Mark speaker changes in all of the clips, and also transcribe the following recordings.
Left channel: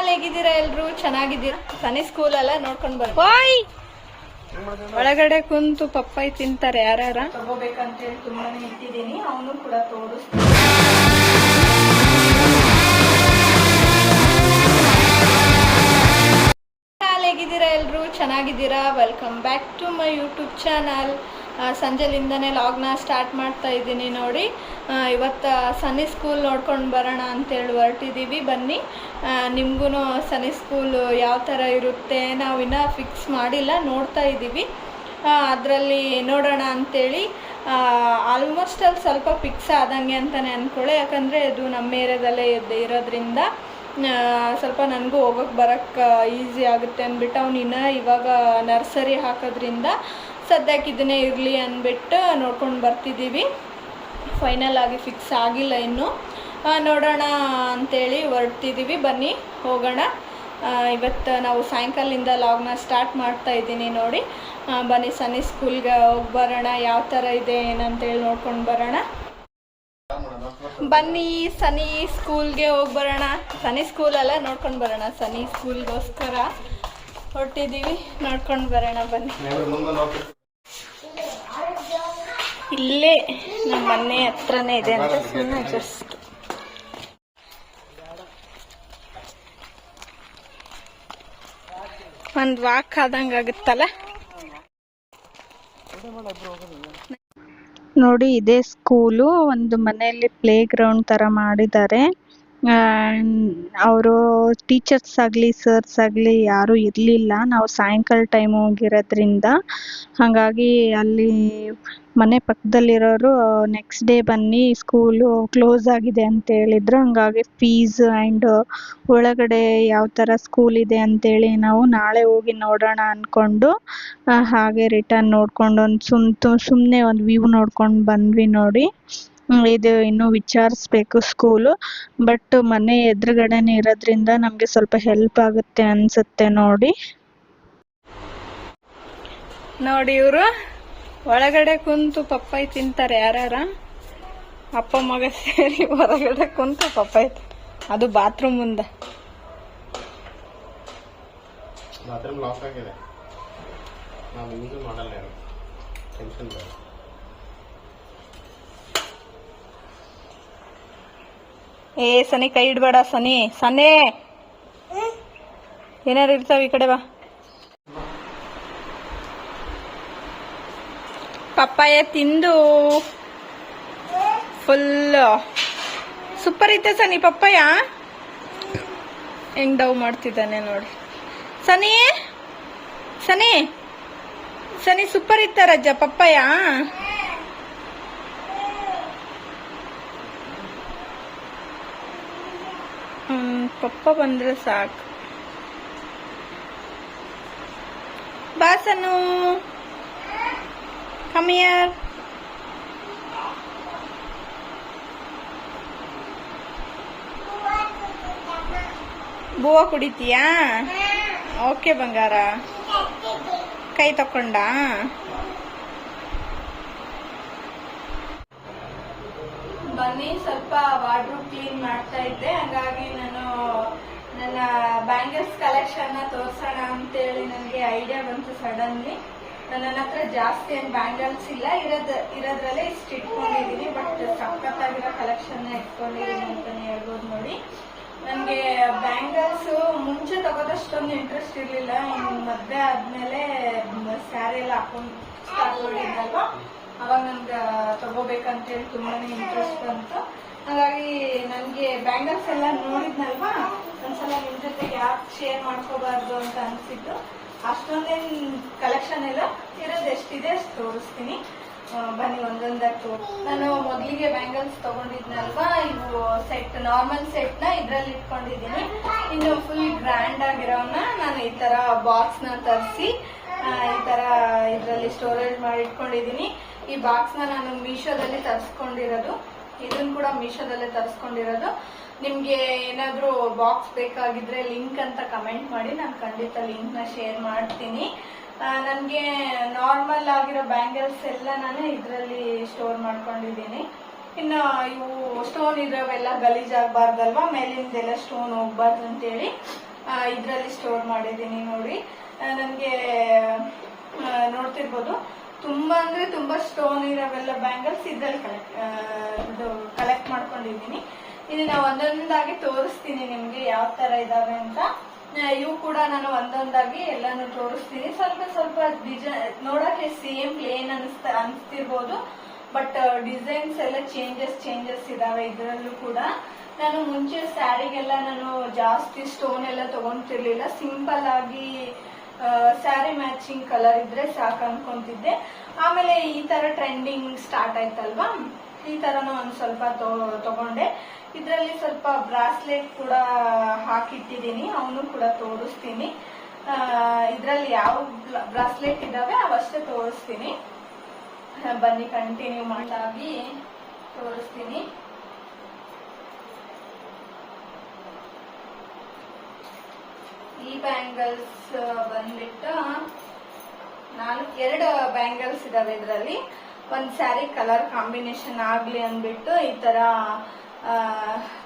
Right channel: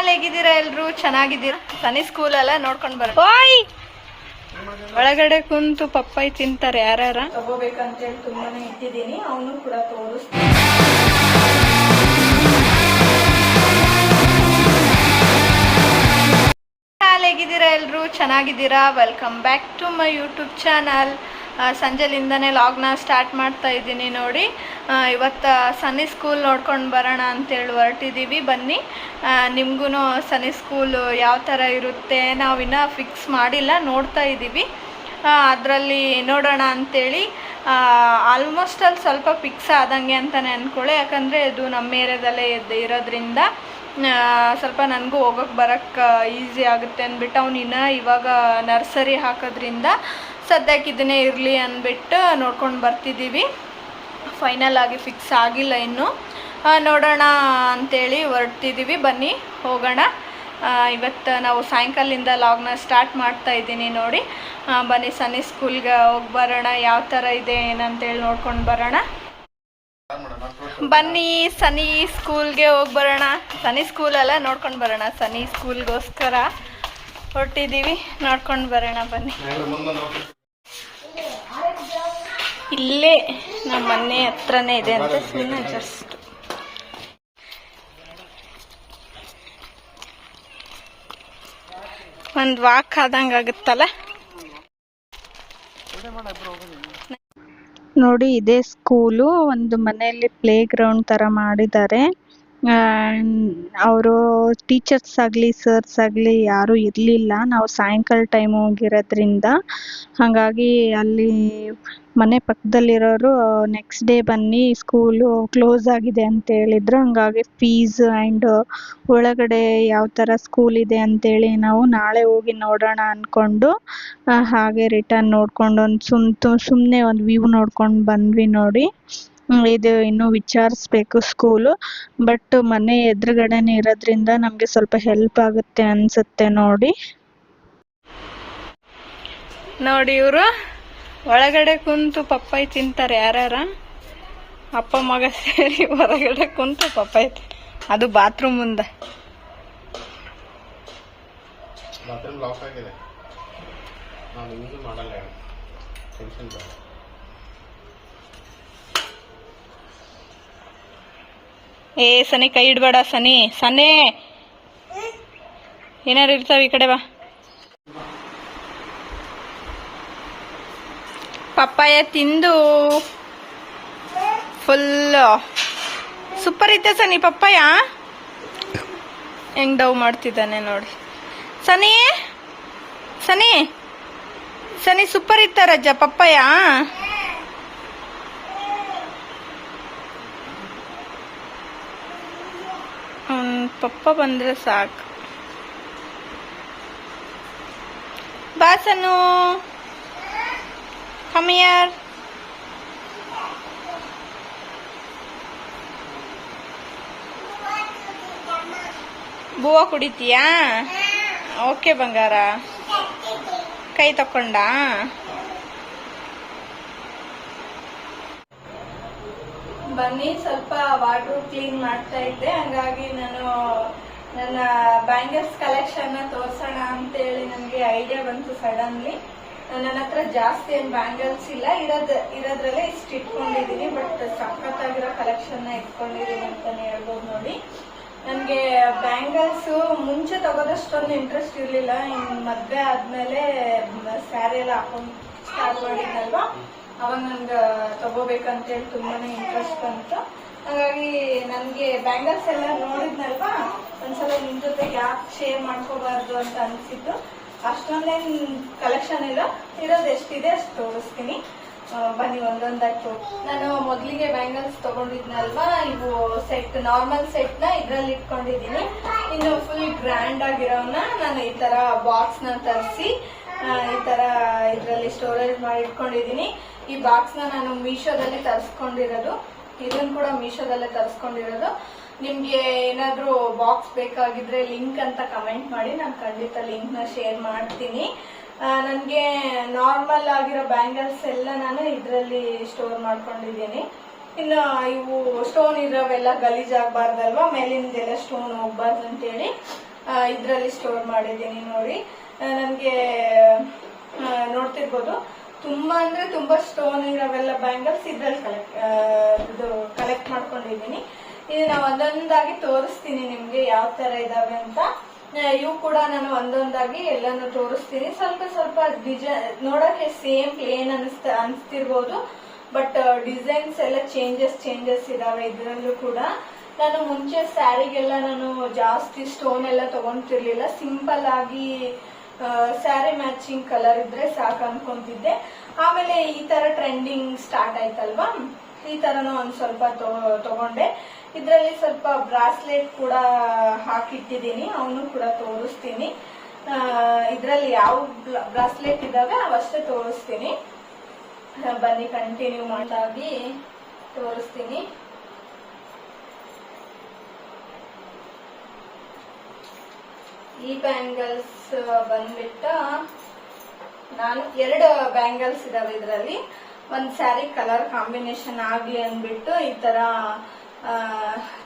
Speaker 1: ಹಾಲ್ ಹೇಗಿದ್ದೀರಾ ಎಲ್ರು? ಚೆನ್ನಾಗಿದ್ದೀರಾ? ಸನಿ ಸ್ಕೂಲ್ ಅಲ್ಲ ನೋಡ್ಕೊಂಡ್ ಬರ. ಓಯ್! ಒಳಗಡೆ ಕುಂತು ಪಪ್ಪಾಯಿ ತಿಂತಾರೆ ಯಾರ್ಯಾರ? ತಗೋಬೇಕಂತೇಳಿ ತುಂಬಾನೇ ಇಟ್ಟಿದ್ದೀನಿ. ಅವನು ಕೂಡ ತೋರಿಸ್ತೀನಿ. ಹೇಗಿದ್ದೀರಾ ಎಲ್ರು? ಚೆನ್ನಾಗಿದ್ದೀರಾ? Welcome back to my YouTube channel ಸಂಜೆಲಿಂದನೇ ಲಾಗ್ನ ಸ್ಟಾರ್ಟ್ ಮಾಡ್ತಾ ಇದ್ದೀನಿ ನೋಡಿ. ಇವತ್ತು ಸನ್ನಿ ಸ್ಕೂಲ್ ನೋಡ್ಕೊಂಡು ಬರೋಣ ಅಂತೇಳಿ ಹೊರಟಿದ್ದೀವಿ ಬನ್ನಿ. ನಿಮಗೂ ಸನ್ನಿ ಸ್ಕೂಲು ಯಾವ ಥರ ಇರುತ್ತೆ ನಾವು ಇನ್ನೂ ಫಿಕ್ಸ್ ಮಾಡಿಲ್ಲ, ನೋಡ್ತಾ ಇದ್ದೀವಿ. ಅದರಲ್ಲಿ ನೋಡೋಣ ಅಂಥೇಳಿ ಆಲ್ಮೋಸ್ಟ್ ಅಲ್ಲಿ ಸ್ವಲ್ಪ ಫಿಕ್ಸ್ ಆದಂಗೆ ಅಂತಲೇ ಅಂದ್ಕೊಳ್ಳಿ ಯಾಕಂದರೆ ಇದು ನಮ್ಮ ಏರಿಯಾದಲ್ಲೇ ಇದ್ದು ಇರೋದ್ರಿಂದ ಸ್ವಲ್ಪ ನನಗೂ ಹೋಗೋಕೆ ಬರೋಕ್ಕೆ ಈಸಿ ಆಗುತ್ತೆ ಅಂದ್ಬಿಟ್ಟು ಅವನಿನ್ನ ಇವಾಗ ನರ್ಸರಿ ಹಾಕೋದ್ರಿಂದ ಸದ್ಯಕ್ಕೆ ಇದನ್ನೇ ಇರಲಿ ಅಂದ್ಬಿಟ್ಟು ನೋಡ್ಕೊಂಡು ಬರ್ತಿದ್ದೀವಿ. ಫೈನಲ್ ಆಗಿ ಫಿಕ್ಸ್ ಆಗಿಲ್ಲ ಇನ್ನು. ನೋಡೋಣ ಅಂಥೇಳಿ ಹೊರಡ್ತಿದ್ದೀವಿ. ಬನ್ನಿ, ಹೋಗೋಣ. ಇವತ್ತು ನಾವು ಸಾಯಂಕಾಲದಿಂದ ಲಾಗ್ನ ಸ್ಟಾರ್ಟ್ ಮಾಡ್ತಾ ಇದ್ದೀನಿ ನೋಡಿ. ಬನ್ನಿ, ಸನ್ನಿ ಸ್ಕೂಲ್ಗೆ ಹೋಗಿ ಬರೋಣ. ಯಾವ ಥರ ಇದೆ, ಏನಂತೇಳಿ ನೋಡ್ಕೊಂಡು ಬರೋಣ. ಬನ್ನಿ ಸನಿ ಸ್ಕೂಲ್ಗೆ ಹೋಗಿ ಬರೋಣ. ಸನಿ ಸ್ಕೂಲೆಲ್ಲ ನೋಡ್ಕೊಂಡು ಬರೋಣ. ಸನಿ ಸ್ಕೂಲ್ಗೋಸ್ಕರ ಹೊರಟಿದ್ದೀವಿ. ನೋಡ್ಕೊಂಡು ಬರೋಣ, ಬನ್ನಿ. ಇಲ್ಲೇ ನಮ್ಮ ಮನೆ ಹತ್ರನೇ ಇದೆ ಅಂತ ಸುಮ್ಮನೆ ಜಸ್ಟ್ ಒಂದು ವಾಕ್ ಆದಂಗ ಆಗುತ್ತಲ್ಲ? ನೋಡಿ, ಇದೇ ಸ್ಕೂಲು ಒಂದು ಮನೆಯಲ್ಲಿ ಪ್ಲೇ ಗ್ರೌಂಡ್ ತರ ಮಾಡಿದ್ದಾರೆ. ಅವರು ಟೀಚರ್ಸ್ ಆಗಲಿ ಸರ್ಸ್ ಆಗಲಿ ಯಾರೂ ಇರಲಿಲ್ಲ. ನಾವು ಸಾಯಂಕಾಲ ಟೈಮ್ ಹೋಗಿರೋದ್ರಿಂದ ಹಾಗಾಗಿ ಅಲ್ಲಿ ಮನೆ ಪಕ್ಕದಲ್ಲಿರೋರು ನೆಕ್ಸ್ಟ್ ಡೇ ಬನ್ನಿ ಸ್ಕೂಲು ಕ್ಲೋಸ್ ಆಗಿದೆ ಅಂತ ಹೇಳಿದ್ರು. ಹಾಗಾಗಿ ಫೀಸ್ ಆ್ಯಂಡ್ ಒಳಗಡೆ ಯಾವ ಥರ ಸ್ಕೂಲ್ ಇದೆ ಅಂತೇಳಿ ನಾವು ನಾಳೆ ಹೋಗಿ ನೋಡೋಣ ಅಂದ್ಕೊಂಡು ಹಾಗೆ ರಿಟರ್ನ್ ನೋಡ್ಕೊಂಡು ಒಂದು ಸುಮ್ ಸುಮ್ಮನೆ ಒಂದು ವ್ಯೂ ನೋಡ್ಕೊಂಡು ಬಂದ್ವಿ ನೋಡಿ. ಇದು ಇನ್ನು ವಿಚಾರಿಸ್ಬೇಕು ಸ್ಕೂಲು ಬಟ್ ಮನೆ ಎದುರುಗಡೆನೆ ಇರೋದ್ರಿಂದ ನಮಗೆ ಸ್ವಲ್ಪ ಹೆಲ್ಪ್ ಆಗುತ್ತೆ ಅನ್ಸುತ್ತೆ ನೋಡಿ. ನೋಡಿ ಇವರು ಒಳಗಡೆ ಕುಂತು ಪಪ್ಪಾಯಿ ತಿಂತಾರೆ ಯಾರ್ಯಾರ? ಅಪ್ಪ ಮಗ ಸೇರಿ ಹೊರಗಡೆ ಕುಂತು ಪಪ್ಪಾಯಿ ಅದು ಬಾತ್ರೂಮ್ ಮುಂದೆ.
Speaker 2: ಬಾತ್ರೂಮ್ ಲಾಕ್ ಆಗಿದೆ. ನಾನು ಇನ್ನೂ ಮಾಡಲ್ಲ ಟೆನ್ಷನ್ ಬೇಡ.
Speaker 1: ಏ, ಸನಿ, ಕೈ ಇಡ್ಬೇಡ ಸನಿ. ಸನಿ! ಏನಾರು ಇರ್ತಾವ ಈ ಕಡೆ ಬಾ. ಪಪ್ಪಾಯ ತಿಂದು. ಫುಲ್ ಸೂಪರ್ ಇತ್ತೆ ಸನಿ ಪಪ್ಪಾಯ. ಹೆಂಗ್ ಡವ್ ಮಾಡ್ತಿದ್ದಾನೆ ನೋಡಿ. ಸನಿ! ಸನಿ! ಸನಿ, ಸೂಪರ್ ಇತ್ತ ರಜ್ಜ ಪಪ್ಪಾಯ ಅವ್ನ್ ಪಪ್ಪ ಬಂದ್ರೆ ಸಾಕು. ಬಾಸನು ಕಮಿಯರ್ ಬೂವ ಕುಡಿತೀಯಾ? ಓಕೆ ಬಂಗಾರ. ಕೈ ತಕೊಂಡ ಬನ್ನಿ, ಸ್ವಲ್ಪ ವಾರ್ಡ್ರೋಬ್ ಕ್ಲೀನ್ ಮಾಡ್ತಾ ಇದ್ದೆ. ಹಂಗಾಗಿ ನಾನು ನನ್ನ ಬ್ಯಾಂಗಲ್ಸ್ ಕಲೆಕ್ಷನ್ ತೋರ್ಸೋಣ ಅಂತೇಳಿ ನನಗೆ ಐಡಿಯಾ ಬಂತು ಸಡನ್ಲಿ ನನ್ನ ಹತ್ರ ಜಾಸ್ತಿ ಏನ್ ಬ್ಯಾಂಗಲ್ಸ್ ಇಲ್ಲ. ಇರೋದ್ ಇರೋದ್ರಲ್ಲೇ ಇಷ್ಟು ಇಟ್ಕೊಂಡಿದೀನಿ ಬಟ್ ಸಖತ್ತಾಗಿರೋ ಕಲೆಕ್ಷನ್ ಇಟ್ಕೊಂಡಿದೀನಿ ಅಂತಾನೆ ಹೇಳ್ಬೋದು ನೋಡಿ. ನನಗೆ ಬ್ಯಾಂಗಲ್ಸ್ ಮುಂಚೆ ತಗೋದಷ್ಟೊಂದು ಇಂಟ್ರೆಸ್ಟ್ ಇರ್ಲಿಲ್ಲ. ಇನ್ ಮದ್ವೆ ಆದ್ಮೇಲೆ ಸ್ಯಾರಿ ಎಲ್ಲ ಹಾಕೊಂಡ್ ಸ್ಟಾರ್ಟ್ ಅವಾಗ ನನ್ಗೆ ತಗೋಬೇಕಂತೇಳಿ ತುಂಬಾನೇ ಇಂಟ್ರೆಸ್ಟ್ ಬಂತು. ಹಾಗಾಗಿ ನನಗೆ ಬ್ಯಾಂಗಲ್ಸ್ ಎಲ್ಲ ನೋಡಿದ್ನಲ್ವಾ? ಒಂದ್ಸಲ ನಿಮ್ ಜೊತೆ ಯಾಕೆ ಶೇರ್ ಮಾಡ್ಕೋಬಾರ್ದು ಅಂತ ಅನ್ಸಿದ್ದು. ಅಷ್ಟೊಂದೇನ್ ಕಲೆಕ್ಷನ್ ಎಲ್ಲ ಇರೋದು ಎಷ್ಟಿದೆ ಅಷ್ಟು ತೋರಿಸ್ತೀನಿ. ಬನ್ನಿ ಒಂದೊಂದಾಗಿ ನಾನು ಮೊದಲಿಗೆ ಬ್ಯಾಂಗಲ್ಸ್ ತಗೊಂಡಿದ್ನಲ್ವಾ? ಇವು ಸೆಟ್ ನಾರ್ಮಲ್ ಸೆಟ್ನ ಇದ್ರಲ್ಲಿ ಇಟ್ಕೊಂಡಿದೀನಿ ಇನ್ನು ಫುಲ್ ಗ್ರ್ಯಾಂಡ್ ಆಗಿರೋನ ನಾನು ಈ ತರ ಬಾಕ್ಸ್ನ ತರಿಸಿ ಈ ತರ ಇದ್ರಲ್ಲಿ ಸ್ಟೋರೇಜ್ ಮಾಡಿ ಇಟ್ಕೊಂಡಿದೀನಿ ಈ ಬಾಕ್ಸ್ ನಾನು ಮೀಶೋದಲ್ಲಿ ತರಿಸ್ಕೊಂಡಿರೋದು. ಇದನ್ನ ಕೂಡ ಮೀಶೋದಲ್ಲೇ ತರಿಸ್ಕೊಂಡಿರೋದು. ನಿಮ್ಗೆ ಏನಾದ್ರೂ ಬಾಕ್ಸ್ ಬೇಕಾಗಿದ್ರೆ ಲಿಂಕ್ ಅಂತ ಕಮೆಂಟ್ ಮಾಡಿ, ನಾನು ಖಂಡಿತ ಲಿಂಕ್ನ ಶೇರ್ ಮಾಡ್ತೀನಿ. ನನಗೆ ನಾರ್ಮಲ್ ಆಗಿರೋ ಬ್ಯಾಂಗಲ್ಸ್ ಎಲ್ಲ ನಾನು ಇದರಲ್ಲಿ ಸ್ಟೋರ್ ಮಾಡ್ಕೊಂಡಿದ್ದೀನಿ. ಇನ್ನು ಇವು ಸ್ಟೋನ್ ಇರೋವೆಲ್ಲ ಗಲೀಜಾಗಬಾರ್ದಲ್ವಾ? ಮೇಲಿಂದೆಲ್ಲ ಸ್ಟೋನ್ ಹೋಗ್ಬಾರ್ದು ಅಂತೇಳಿ ಇದರಲ್ಲಿ ಸ್ಟೋರ್ ಮಾಡಿದ್ದೀನಿ ನೋಡಿ. ನನಗೆ ನೋಡ್ತಿರ್ಬೋದು. ತುಂಬಾ ಅಂದ್ರೆ ತುಂಬಾ ಸ್ಟೋನ್ ಇರೋವೆಲ್ಲ ಬ್ಯಾಂಗಲ್ಸ್ ಇದ್ರಲ್ಲಿ ಕಲೆಕ್ಟ್ ಇದು ಕಲೆಕ್ಟ್ ಮಾಡ್ಕೊಂಡಿದ್ದೀನಿ. ನಾವು ಒಂದೊಂದಾಗಿ ತೋರಿಸ್ತೀನಿ ನಿಮ್ಗೆ ಯಾವ ತರ ಇದಾವೆ ಅಂತ. ಇವು ಕೂಡ ನಾನು ಒಂದೊಂದಾಗಿ ಎಲ್ಲಾನು ತೋರಿಸ್ತೀನಿ. ಸ್ವಲ್ಪ ಸ್ವಲ್ಪ ಡಿಸೈನ್ ನೋಡಕ್ಕೆ ಸೇಮ್ ಪ್ಲೇನ್ ಅನಿಸ್ತ, ಅನಿಸ್ತಿರ್ಬೋದು ಬಟ್ ಡಿಸೈನ್ಸ್ ಎಲ್ಲ ಚೇಂಜಸ್ ಚೇಂಜಸ್ ಇದಾವೆ ಇದರಲ್ಲೂ ಕೂಡ. ನಾನು ಮುಂಚೆ ಸ್ಯಾರಿಗೆಲ್ಲ ನಾನು ಜಾಸ್ತಿ ಸ್ಟೋನ್ ಎಲ್ಲ ತಗೊಂತಿರ್ಲಿಲ್ಲ. ಸಿಂಪಲ್ ಆಗಿ ಸ್ಯಾರಿ ಮ್ಯಾಚಿಂಗ್ ಕಲರ್ ಇದ್ರೆ ಸಾಕು ಅನ್ಕೊಂತಿದ್ದೆ. ಆಮೇಲೆ ಈ ತರ ಟ್ರೆಂಡಿಂಗ್ ಸ್ಟಾರ್ಟ್ ಆಯ್ತಲ್ವಾ? ಈ ತರನು ಒಂದ್ ಸ್ವಲ್ಪ ತಗೊಂಡೆ. ಇದ್ರಲ್ಲಿ ಸ್ವಲ್ಪ ಬ್ರಾಸ್ಲೆಟ್ ಕೂಡ ಹಾಕಿಟ್ಟಿದ್ದೀನಿ, ಅವನು ಕೂಡ ತೋರಿಸ್ತೀನಿ. ಇದ್ರಲ್ಲಿ ಯಾವ ಬ್ರಾಸ್ಲೆಟ್ ಇದಾವೆ ಅವಷ್ಟೇ ತೋರಿಸ್ತೀನಿ. ಬನ್ನಿ ಕಂಟಿನ್ಯೂ ಮಾಡಾಗಿ ತೋರಿಸ್ತೀನಿ. ಈ ಬ್ಯಾಂಗಲ್ಸ್ ಬಂದ್ಬಿಟ್ಟು ನಾನು ಎರಡು ಬ್ಯಾಂಗಲ್ಸ್ ಇದಾವೆ ಇದರಲ್ಲಿ. ಒಂದ್ ಸ್ಯಾರಿ ಕಲರ್ ಕಾಂಬಿನೇಷನ್ ಆಗ್ಲಿ ಅಂದ್ಬಿಟ್ಟು ಈ ತರ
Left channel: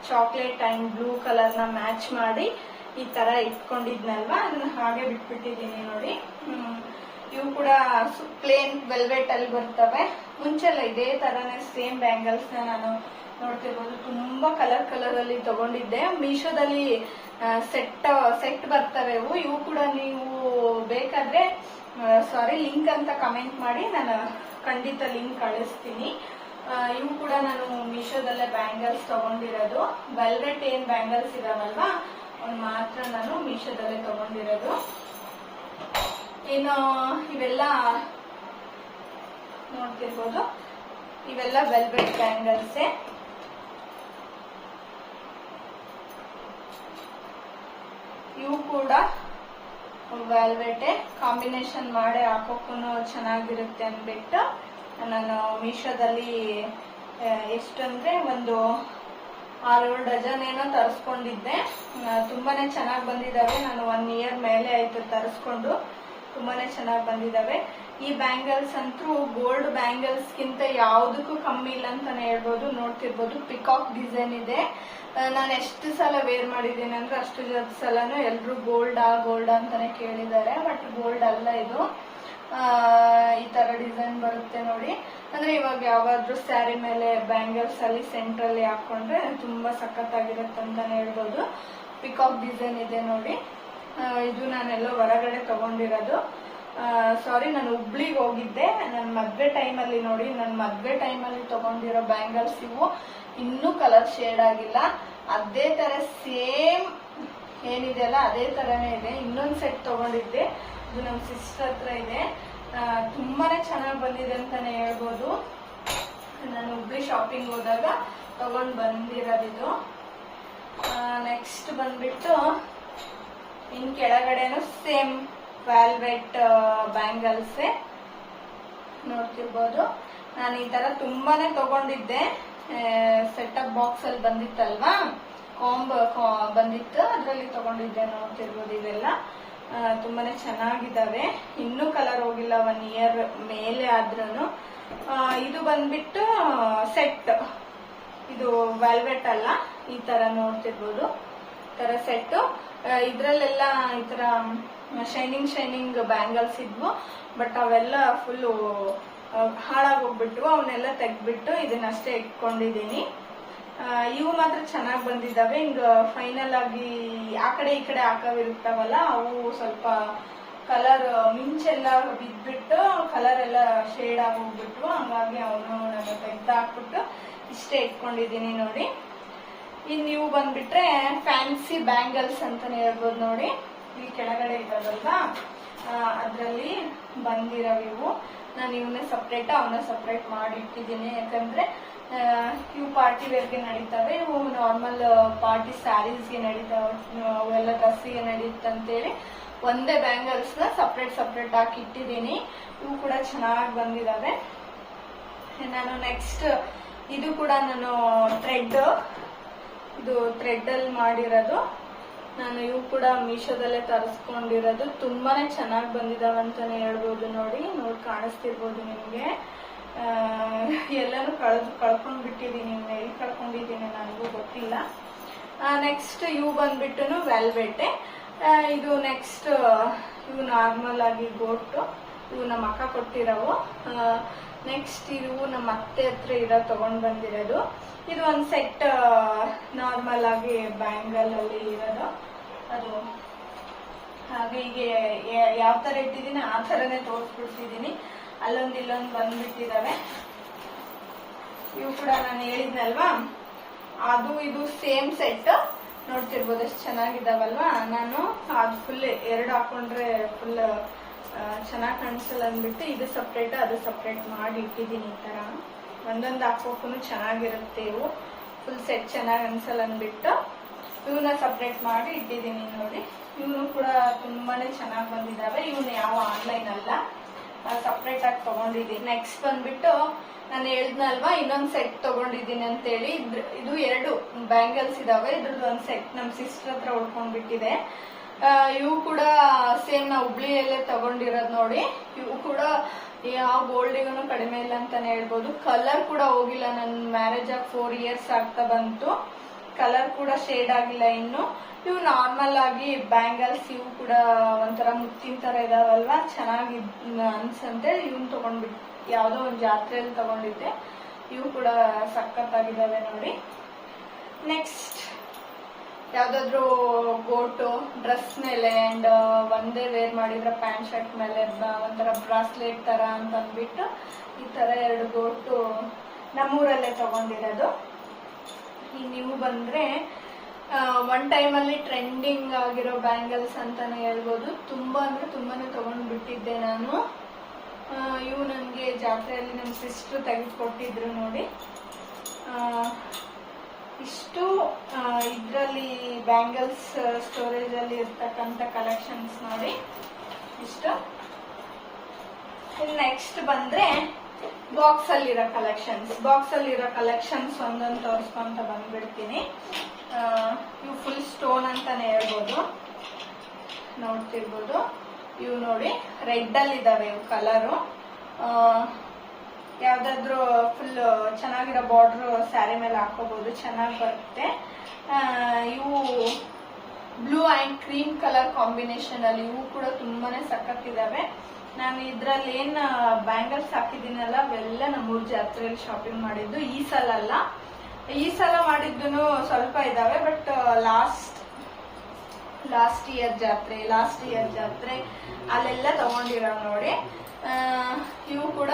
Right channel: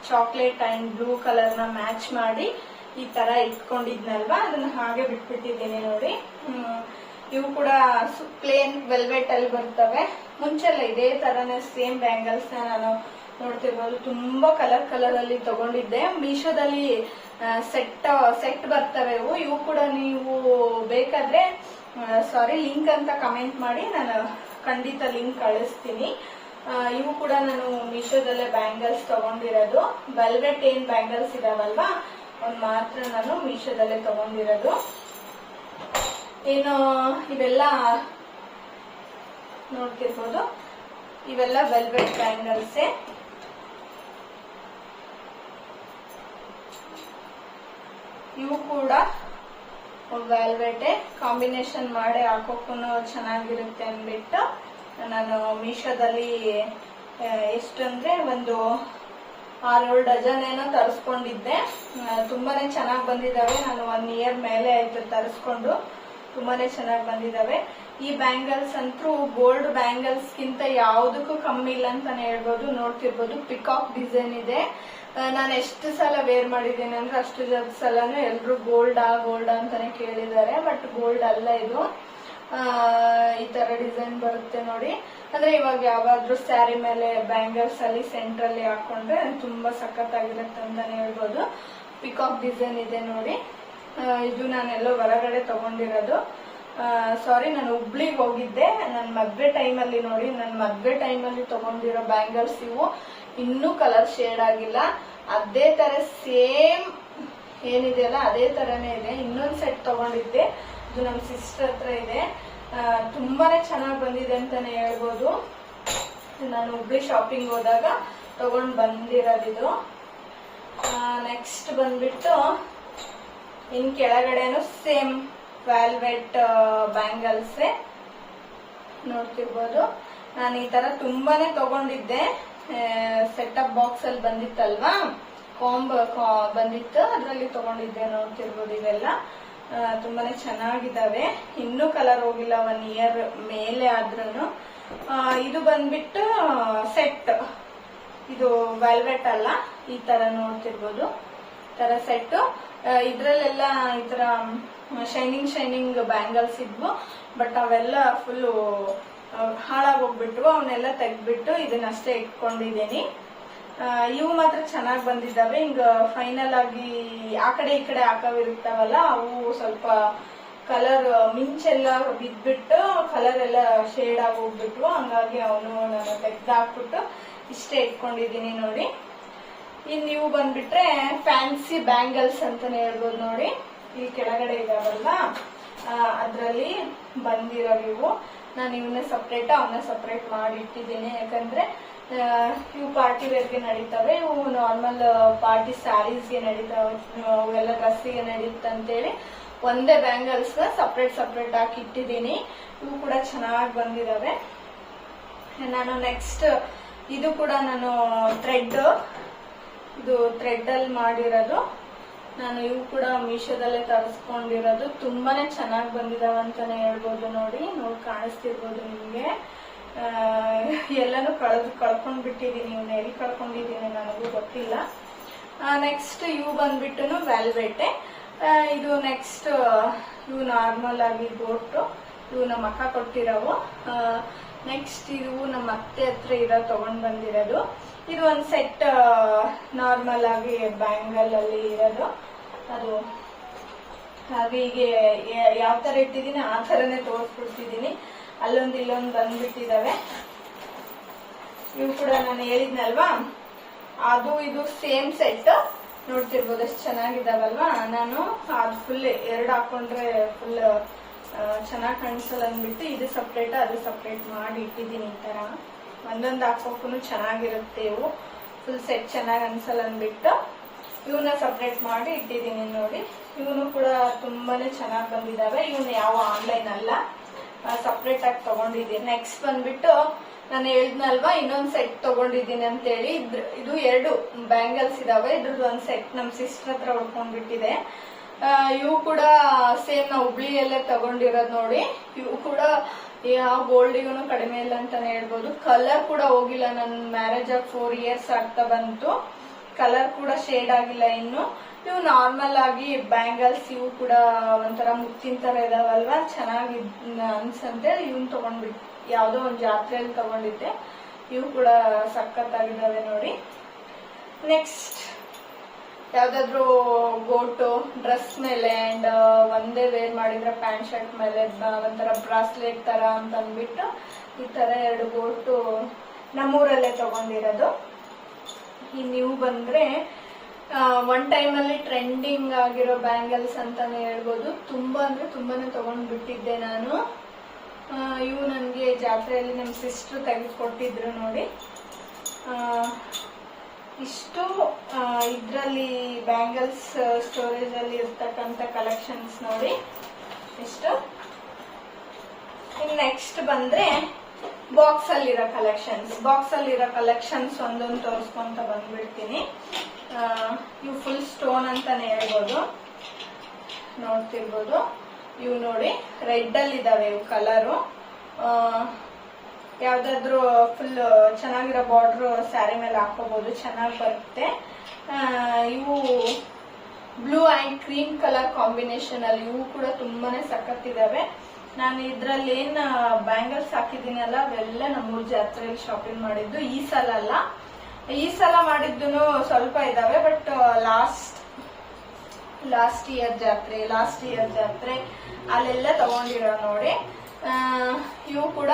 Speaker 1: ಚಾಕ್ಲೇಟ್ ಅಂಡ್ ಬ್ಲೂ ಕಲರ್ನ ಮ್ಯಾಚ್ ಮಾಡಿ ಈ ತರ ಇಟ್ಕೊಂಡಿದ್ನಲ್ವಾ? ಅದನ್ನ ಹಾಗೆ ಬಿಟ್ಬಿಟ್ಟಿದ್ದೀನಿ ನೋಡಿ. ಇವು ಕೂಡ ಪ್ಲೇನ್ ವೆಲ್ವೆಟ್ ಅಲ್ಲಿ ಬರ್ತವೆ. ಮುಂಚೆಲ್ಲ ಇದೇ ತರನೇ ಸೇಮ್ ಬ್ಯಾಂಗಲ್ಸ್ ನಾನು ನೋಡ್ತಿರ್ಬೋದು. ತುಂಬಾ ಕಲರ್ ಕಲರ್ ಅಲ್ಲಿ ತಗೊಂಡಿದ್ದೆ. ಮೀಶೋದಲ್ಲಿ ಸೆಟ್ ಸೆಟ್ ಬರ್ತವೆ ಇವು ಇವು ಕೂಡ ನೀವು ಬೇಕಾದ್ರೆ ಸಾರಿ ಲಿಂಕ್ ಅಂತ ಕಮೆಂಟ್ ಮಾಡಿ. ನಾನು ಖಂಡಿತ ಲಿಂಕ್ ಕಳಿಸ್ತೀನಿ. ಇವು ಕೂಡ ನಾನು ಮೀಶೋದಲ್ಲೇ ಬ್ಯಾಂಗಲ್ಸ್ ತಗೊಂಡಿರೋದು. ವೆಲ್ವೆಟ್ ಏನ್ ಬ್ಯಾಂಗಲ್ಸ್ ಇದಾವಲ್ವಾ? ಅವ್ನು ಮಾತ್ರ ನಾನು ಮೀಶೋದಲ್ಲೇ ತಗೊಂಡಿರೋದು. ಏನು, ಇವೆಲ್ಲ ನೋಡ್ತಿರ್ಬೋದು. ಇವೆಲ್ಲ ವೆಲ್ವೆಟ್ ಬ್ಯಾಂಗಲ್ಸೇ ಇವು ಕೂಡ ವ್ಯಾಲ್ವೇಟೆ ಕಾಂಬಿನೇಷನ್ ಮಾಡಿ ಹಾಕೋಕ್ಕೂ ಚೆನ್ನಾಗಿರುತ್ತೆ ಅಂದ್ಬಿಟ್ಟು ನಾನು ಮೀಶೋದಲ್ಲಿ ಎಷ್ಟಂದ್ರೆ ಒಂದು ಆರೇಳು ಡಜನ್ ಏನೋ ತರಿಸ್ಕೊಂಡಿದ್ದೆ. ತುಂಬಾನೇ ಚೆನ್ನಾಗಿ ಬಂದಿದ್ದಾವೆ ನಾನು ಒನ್ ಇಯರ್ ಮೇಲೆ ಆಯ್ತು ತರಿಸ್ಕೊಂಡು. ತುಂಬಾನೇ ಚೆನ್ನಾಗಿ ಬಂದಿದಾವೆ. ಈ ಬ್ಯಾಂಗಲ್ಸ್ ಅಂತೂ ಗೋಲ್ಡ್ ಬ್ಯಾಂಗಲ್ಸ್ ಗಿಂತ ಯಾವ್ದಕ್ಕೂ ಕಮ್ಮಿ ಇಲ್ಲ ಅಂತಾನೆ ಹೇಳ್ಬೋದು. ನೋಡ್ತಿರ್ಬೋದು ಪಿಕಾಕ್ ಡಿಸೈನ್ ಇದೆ. ನಾನು ಎಷ್ಟು ಸಲ ವೇರ್ ಮಾಡಿದ್ದೀನಿ ಅಂದ್ರೆ ಅಷ್ಟು ಸಲನು ಎಲ್ರು ಗೋಲ್ಡ್ ಆ, ಗೋಲ್ಡ್ ಅಂತಾನೆ ಕೇಳಿದ್ದಾರೆ. ಬಟ್ ಗೋಲ್ಡ್ ಅಲ್ಲ ಇದು. ಈ ತರ ಡಿಸೈನ್ ಬರುತ್ತೆ ನೋಡಿ. ಅಂದ್ರೆ ಇವಾಗ ಯಾವಾದ್ರೂ ಸ್ಯಾರಿ ಮೇಲೆ ಬ್ಯಾಂಗಲ್ಸ್ ಅಲ್ಲಿ ಸೆಂಟ್ರಲ್ಲಿ ಹಾಕೊಂಡ್ರೆ ತುಂಬಾ ಸಖತ್ತಾಗಿರುತ್ತೆ ಅಂತಾನೆ ಹೇಳ್ಬೋದು. ಪಿಕಾಕ್ ಡಿಸೈನ್ ಇದೆ ನೋಡಿ. ಇದು ನಾನೆಲ್ಲೋ ಹೊರಗಡೆ ತಗೊಂಡಿರೋದು. ಸಾರಿ ನಾನು ಹುಬ್ಳಿಗೆ ಹೋಗಿದ್ದೆ. ನನ್ನ ಮದ್ವೆ ಟೈಮಲ್ಲಿ ನೋಡಿ ನನ್ನ ಮದ್ವೆ ಟೈಮಲ್ಲಿ ತಗೊಂಡಿರೋ ಬ್ಯಾಂಗಲ್ಸ್ ಇವು. ಇನ್ನೂ ಕಲರ್ ಶೇಡ್ ಆಗಿಲ್ಲ. ಅದೇ ತರ ಸೇಮ್ ಏನಿದೆಯಲ್ಲ ಅದೇ ತರನೇ ಇದೆ. ಇನ್ನೊಂದು ಸೆಟ್ ತಗೊಂಡಿದ್ದೆ. ಇದು ನಮ್ಮ ಸಿಸ್ಟರ್ ಹತ್ರ ಇದೆ. ತುಂಬಾ ಚೆನ್ನಾಗಿ ಬಂದಿದೆ ಅಂತಾನೆ ಹೇಳ್ಬೋದು. ನಾನು ಹುಬ್ಳಿ ಶಾಪಿಂಗ್ ಹೋದಾಗ ತಗೊಂಡ್ ಬಂದಿರೋದಿದು. ನೆಕ್ಸ್ಟ್ ಬಂದ್ಬಿಟ್ಟು, ಇನ್ ಕೆಳಗಡೆನು ಸೇಮ್ ವ್ಯಾಲ್ವೆಟ್ ಬ್ಯಾಂಗಲ್ಸ್ ನೋಡ್ತಿರ್ಬೋದು. ನಾನು ಈ ತರ ತುಂಬಾನೇ ತಗೊಂಡಿದ್ದೆ. ಸೆಟಪ್ ಬಾಕ್ಸ್ ಅಲ್ಲಿ ಬಂದಿತ್ತಲ್ವಾ? ಕಾಂಬ್ ಬಂದಿತ್ತು. ಅದರಲ್ಲಿ ತಗೊಂಡಿದ್ದೆ ನೋಡ್ತಿರ್ಬೋದು ಇವೆಲ್ಲ. ತುಂಬಾನೇ ಚೆನ್ನಾಗಿದ್ದಾವೆ. ಇನ್ನೂ ಕಲರ್ ಹೋಗಿಲ್ಲ ಒನ್ ಇಯರ್ ಮೇಲೆ ಆದ್ರೂ ಇದು ಬಂದ್ಬಿಟ್ಟು ಸೆಟ್ ಇದು ವೆಲ್ವೆಟ್ ಅಲ್ಲ. ಈ ತರ ನೋಡ್ತಿರ್ಬೋದು. ತರ ಸೆಟ್ ಇದ್ರಲ್ಲೆಲ್ಲ ಈ ತರ ಶೈನಿಂಗ್ ಶೈನಿಂಗ್ ಬ್ಯಾಂಗಲ್ಸ್ ಇದ್ವು. ಬಟ್ ಅವೆಲ್ಲ ಫುಲ್ ಹಾಳಾಗೋಗ್ಬಿಟ್ವು. ಅವನ್ನೆಲ್ಲ ತೆಗ್ದ್ಬಿಟ್ಟು ಇದನ್ನಷ್ಟೇ ಇಟ್ಕೊಂಡಿದ್ದೀನಿ. ಇವು ಮಾತ್ರ ಚೆನ್ನಾಗಿ ಬಂದಿದ್ದಾವೆ. ಹಿಂಗ ಫೈನಲ್ ಆಗಿ ಆ ಕಡೆ ಈ ಕಡೆ ಹಾಕವಿರುತ್ತವಲ್ಲ, ಅವು ಸ್ವಲ್ಪ ಕಲರ್ ಮಿಂಚೆಲ್ಲ ಬಿದ್ಬಿಟ್ಟು ಕಲರ್ ಎಲ್ಲ ಶೇಡ್ ಆಗೋಗ್ಬಿಟ್ವು. ಹಂಗಾಗಿ ಅವನು ನಾನು ತೆಗ್ದಾಕ್ಬಿಟ್ಟು ಇಷ್ಟೇ ಇಟ್ಕೊಂಡಿದ್ದೀನಿ ನೋಡಿ. ಇನ್ ನೀವು ಬಂದ್ಬಿಟ್ರೆ ಫ್ಯಾನ್ಸಿ ಬ್ಯಾಂಗಲ್ಸ್ ಅಂತಾನೆ ಹೇಳ್ಬೋದು ನೋಡಿ. ಇಲ್ಲಿ ಕೆಳಗಡೆ ಇದಾವಲ್ಲ ಅದರಲ್ಲಿ ಬಂದಿರೋ ಇವು. ನಾನು ಇವನ್ನ ಸಪ್ರೇಟ್ ಅವನ್ನ ಸಪ್ರೇಟ್ ಮಾಡಿ ಇಟ್ಟಿದ್ದೀನಿ. ಯಾಕಂದ್ರೆ ಇವು ಪಾರ್ಟಿ ವೇರ್ಗೆ ನಡೀತಾವೆ. ಇವು ನಾರ್ಮಲ್ ಪಾರ್ಟಿ ಸ್ಯಾರೀಸ್ಗೆ ನಡೀತಾವೆ. ಅವೆಲ್ಲ ಡ್ರೆಸ್ಸಿಗೆ ನಡೀತಂತೇಳಿ ಒಂದೇ ಬ್ಯಾಂಗಲ್ಸ್ನ ಸಪ್ರೇಟ್ ಸಪ್ರೇಟ್ ಹಾಕಿ ಇಟ್ಟಿದ್ದೀನಿ. ಇವು ಕೂಡ ಚೆನ್ನಾಗಿ ಬಂದಿದಾವೆ. ನಾನು ನೆಕ್ಸ್ಟ್, ಇದು ಕೂಡ ನಾನು ಥ್ರೆಡ್ ಇದು ಥ್ರೆಡ್ ಅಲ್ಲಿ ಮಾಡಿರೋದು. ನಾನು ಇವು ಕೂಡ ಮೀಶೋದಲ್ಲೇ ತರಿಸ್ಕೊಂಡಿರೋದು. ತುಂಬಾನೇ ಚೆನ್ನಾಗಿ ಬಂದಿದಾವೆ ಅಂತಾನೆ ಹೇಳ್ಬೋದು ನೋಡಿ. ನೋಡಿ ಕಾಣಿಸ್ತಿರ್ಬೋದು ನಿಮ್ಗೆ. ಎಲ್ಲಾನು ಕಳೆದು ಕಳ್ಕೊಂಡ್ ಬಿಟ್ಟಿದೀನಿ ಇವನ್ನ ಎಲ್ಲಿ ಕಳ್ಕೊಂಡಿದೀನಿ ನನಗೂ ಗೊತ್ತಿಲ್ಲ. ನೆಕ್ಸ್ಟ್ ಇವು ಬಂದ್ಬಿಟ್ಟು ವೆಲ್ವೆಟೆ. ಇದು ನೆಕ್ಸ್ಟ್ ಇವು ನಾರ್ಮಲ್ ಆಗಿ ಬೋಟ್ ಇವು ನಮ್ಮ ಅಕ್ಕ ಕೊಟ್ಟಿರೋವು. ನೆಕ್ಸ್ಟ್ ಇವು ನಮ್ಮ ಅತ್ತೆ ಹತ್ರ ಇರೋ ತಗೊಂಡ್ ಬಂದಿರೋದು. ಇದು ಒಂದು ಸೆಟ್ ನಾರ್ಮಲ್ ಆಗಿ ಬ್ಯಾಂಗಲ್ ಅಲ್ಲಿ ಇರೋದು. ಅದು ಹಾಗೆ ಹೀಗೆ ಯಾವ ತರ ಇಟ್ಟಿದ್ದೀನಿ ಆ ತರನೇ ತೋರಿಸ್ಬಿಡ್ತಿದ್ದೀನಿ. ಅಲ್ಲೊಂದು ಇಲ್ಲೊಂದು ಬಂದ್ಬಿಟ್ಟಿದಾವೆ. ಇವು ಕೂಡ ನಾನು ಹೇಳಿದ್ನಲ್ವಾ? ಅದು ಇದು ಸೇಮ್ ಸೆಟ್ ನೋಡ್ತಿರ್ಬೋದು ಎಷ್ಟು ಚೆನ್ನಾಗಿದಾವಲ್ವಾ ನಾನು ಅದು ಫುಲ್ ಎರಡು ಹಾಕೊಂಡ್ರೆ ಫುಲ್ ಚೆನ್ನಾಗಿ ಕಾಣಿಸಲ್ಲ ಅಂದ್ಬಿಟ್ಟು ಇದು ಸಪ್ರೇಟ್ ಅದು ಸಪ್ರೇಟ್ ಮಾಡಿ ಇಟ್ಟಿದ್ದೀನಿ ಈ ತರ. ಒಂದೊಂದು ಹಾಕೋಕ್ಕೂ ಚೆನ್ನಾಗಿರುತ್ತೆ ಇವು. ಫುಲ್ ಸೆಟ್ ಚೆನ್ನಾಗಿ ಅನ್ಸಲ್ಲ ಅಂದ್ಬಿಟ್ಟು ಇವನ್ನ ಸಪ್ರೇಟ್ ಮಾಡಿ ಇಟ್ಟಿದ್ದೀನಿ ನೋಡಿ. ಇವನು ಕೂಡ ತುಂಬಾನೇ ಚೆನ್ನಾಗಿ ಬಂದಿದಾವೆ. ಇವನು ಯಾವ ಆನ್ಲೈನ್ ಅಲ್ಲ. ಸಪ್ರೇಟ್ ಆಗಿ ತಗೊಂಡಿದ್ದೀನಿ ನೆಕ್ಸ್ಟ್ ಬಂದ್ಬಿಟ್ಟು ನಾನು ಹೇಳ್ದ್ನಲ್ವಾ ಇನ್ನೊಂದು ಸೆಟ್ ತಗೊಂಡಿದ್ದೀನಿ ಅಂತೇಳಿ. ಇದ್ರ- ಇದು ಎರಡು ಬ್ಯಾಂಗಲ್ಸ್ ಇದಾವೆ. ಇದ್ರದ್ದು ಒಂದ್ ಸೆಟ್ ನಮ್ ಸಿಸ್ಟರ್ ಹತ್ರ ಉಳ್ಕೊಂಡ್ಬಿಟ್ಟಿದೆ ಇವು ಕೂಡ ಸೇಮ್ ನಾವು ಹುಬ್ಳಿಯಲ್ಲೇ ತಗೊಂಡಿರೋದ್ ನೋಡಿ. ಇವು ಕೂಡ ಯಾವ ಗೋಲ್ಡಿಗೂ ಕಡಿಮೆ ಇಲ್ಲ ಅಂತಾನೆ ಹೇಳ್ಬೋದು. ಕಲರ್ ಕೂಡ ಹೋಗಿಲ್ಲ, ನನ್ ಮ್ಯಾರೇಜ್ ಆಗಿ ಫೋರ್ ಇಯರ್ಸ್ ಆಗ್ತಾ ಬಂತು. ಕಲರ್ ಕೂಡ ಶೇಡ್ ಆಗಿಲ್ಲ ಇನ್ನು. ಇವು ನಾರ್ಮಲ್ ಆಗಿ ಬ್ಯಾಂಗಲ್ಸ್ ಇವು ಕೂಡ ಒಂಥರ ಮುತ್ತಿನ ತರ ಇದಾವಲ್ವಾ? ಚೆನ್ನಾಗಿ ಅನ್ಸಂತೆ. ಇವನ್ ತಗೊಂಡ್ಬಿಟ್ಟು ಯಾವ್ದೋ ಒಂದ್ ಜಾತ್ರೆಯಲ್ಲಿ ತಗೊಂಡಿದ್ದೆ. ಇವು ಕೂಡ ಸಖತ್ತಾಗಿದ್ದಾವೆ ನೋಡಿ. ನೆಕ್ಸ್ಟ್ ಯಾವ್ದಾದ್ರು ಗೋಟು ಡ್ರೆಸ್ ಮೇಲೆ ಅಂಡ್ ಒಂದೇ ವೇರ್ ಮಾಡಿದ್ರೆ ಪ್ಯಾಂಟ್ ಶರ್ಟ್ ಮೇಲೆ ಒಂಥರ ಬ್ರಾಸ್ಲೆಟ್ ತರ ಅಂತ ಅಂದ್ಬಿಟ್ಟು ಈ ತರ ಎರಡು ಗೋಟು ನಮ್ಮೂರಲ್ಲೇ ತಗೊಂಡಿರೋದು. ಈ ನೀವು ಬಂದ್ರೆ ಒನ್ ಟೈಮ್ ಅಲ್ಲಿ ಟ್ರೆಂಡಿಂಗ್ ಆಗಿರೋ ಬ್ಯಾಂಗಲ್ಸ್ ಅಂತಾನೆ ಹೇಳ್ಬೋದು. ತುಂಬಾ ಅಂದ್ರೆ ತುಂಬಾನೇ ತಗೊಂಡ್ ಬಿಟ್ಟಿದ್ದೆ ನಾನು ಇವು ನನಗೆ ಜಾತ್ರೆಯಲ್ಲಿ ನಮ್ಮ ಸಿಸ್ಟರ್ ತೆಗೆದುಕೊಟ್ಟಿದ್ರು ನೋಡಿ. ಇಷ್ಟು ಇದರಲ್ಲಿ ಬ್ಯಾಂಗಲ್ಸ್ ಸ್ಟೋರೇಜ್ ಅಲ್ಲಿ ಇರ್ತಕ್ಕಂಥ ಕಲೆಕ್ಷನ್ಸ್ ನೋಡಿ. ಇಷ್ಟು. ನೆಕ್ಸ್ಟ್ ಬಂದ್ರೆ ಬಾಕ್ಸ್ ಅಲ್ಲಿರೋ ಕಲೆಕ್ಷನ್ಸ್ ಬಾಕ್ಸ್ ಅಲ್ಲಿರೋ ಕಲೆಕ್ಷನ್ಸ್ ಒಂದೊಂದು ತೋರಿಸ್ಕೊಂತ ಬಂದ್ಬಿಡ್ತೀನಿ. ಇವು ಫುಲ್ ಸ್ಟೋನ್ ಅಂತಾನೆ ಹೇಳ್ಬೋದು. ನೋಡ್ತಿರ್ಬೋದು. ಇವು ನೋಡಿ ರೆಡ್ ಅಲ್ಲಿ ಇದಾವೆ ಇವು ಕಲರು ಯಾವ್ದಾದ್ರು ಫುಲ್ ಚೆನ್ನಾಗಿರೋ ಬಾರ್ಡರ್ ಸ್ಯಾರಿ ಮೇಲೆ ಹಾಕೋಬಹುದು ಚೆನ್ನಾಗಿ ಬರುತ್ತೆ. ಇವು blue and cream colour combination ಅಲ್ಲಿ ಇವು ಕೂಡ ತುಂಬಾನೇ ಸಖತ್ತಿದಾವೆ. ನಾನು ಇದ್ರಲ್ಲಿ ಏನ್ ಬ್ಯಾಂಗಲ್ಸ್ ಹಾಕಿದ್ದೀನಲ್ಲ ಅವೆಲ್ಲ ನಮ್ಮೂರ್ ಜಾತ್ರೆಯಲ್ಲಿ ಶಾಪಿಂಗ್ ಮಾಡಿದ್ದು ಈ ಸಲ ಅಲ್ಲ. ಈ ಸಲ ಮಾಡಿದ್ದು ಸ್ವಲ್ಪ ಇದಾವೆ ಬಟ್ ಲಾಸ್ಟ್ ಲಾಸ್ಟ್ ಇಯರ್ ಜಾತ್ರೆ ಲಾಸ್ಟ್ ಇಯರ್ ಜಾತ್ರೆ ಅಲ್ಲೆಲ್ಲ ತಗೊಂಡಿರೋ ನೋಡಿ. ಇವು ಕೂಡ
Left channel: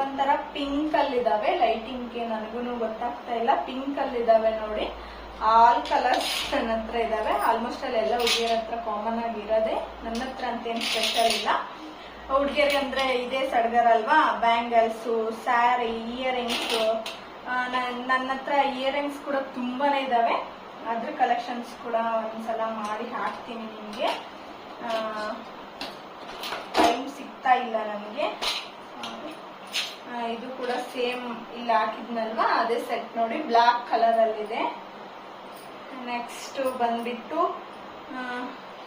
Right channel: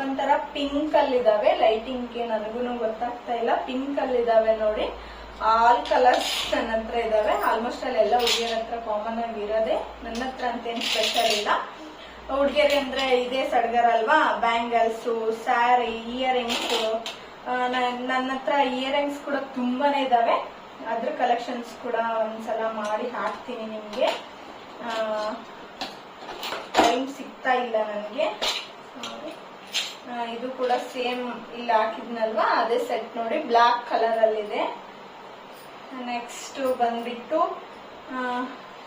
Speaker 1: ಒಂಥರ ಪಿಂಕ್ ಅಲ್ಲಿದಾವೆ. ಲೈಟಿಂಗ್ ನನಗೂ ಗೊತ್ತಾಗ್ತಾ ಇಲ್ಲ. ಪಿಂಕ್ ಅಲ್ಲಿ ಇದಾವೆ ನೋಡಿ. ಆಲ್ ಕಲರ್ಸ್ ನನ್ನ ಹತ್ರ ಇದಾವೆ. ಆಲ್ಮೋಸ್ಟ್ ಅಲ್ಲೆಲ್ಲ ಹುಡುಗಿಯರ ಹತ್ರ ಕಾಮನ್ ಆಗಿ ಇರೋದೆ. ನನ್ನ ಹತ್ರ ಅಂತೇನು ಸ್ಪೆಷಲ್ ಇಲ್ಲ. ಹುಡುಗಿಯರಿಗೆ ಅಂದ್ರೆ ಇದೇ ಸಡ್ಗರ ಅಲ್ವಾ? ಬ್ಯಾಂಗಲ್ಸ್ ಸ್ಯಾರಿ ಇಯರಿಂಗ್ಸ್ ನನ್ನ ಹತ್ರ ಇಯರಿಂಗ್ಸ್ ಕೂಡ ತುಂಬಾನೇ ಇದಾವೆ. ಅದ್ರ ಕಲೆಕ್ಷನ್ಸ್ ಕೂಡ ಒಂದ್ಸಲ ಮಾಡಿ ಹಾಕ್ತೀನಿ ನಿಮ್ಗೆ. ಟೈಮ್ ಸಿಗ್ತಾ ಇಲ್ಲ ನನಗೆ. ಇದು ಕೂಡ ಸೇಮ್ ಇಲ್ಲಿ ಹಾಕಿದ್ನಲ್ವಾ? ಅದೇ ಸೆಟ್ ನೋಡಿ ಬ್ಲಾಕ್ ಕಲರ್ ಅಲ್ಲಿದೆ ನೆಕ್ಸ್ಟ್ ಬಂದ್ಬಿಟ್ಟು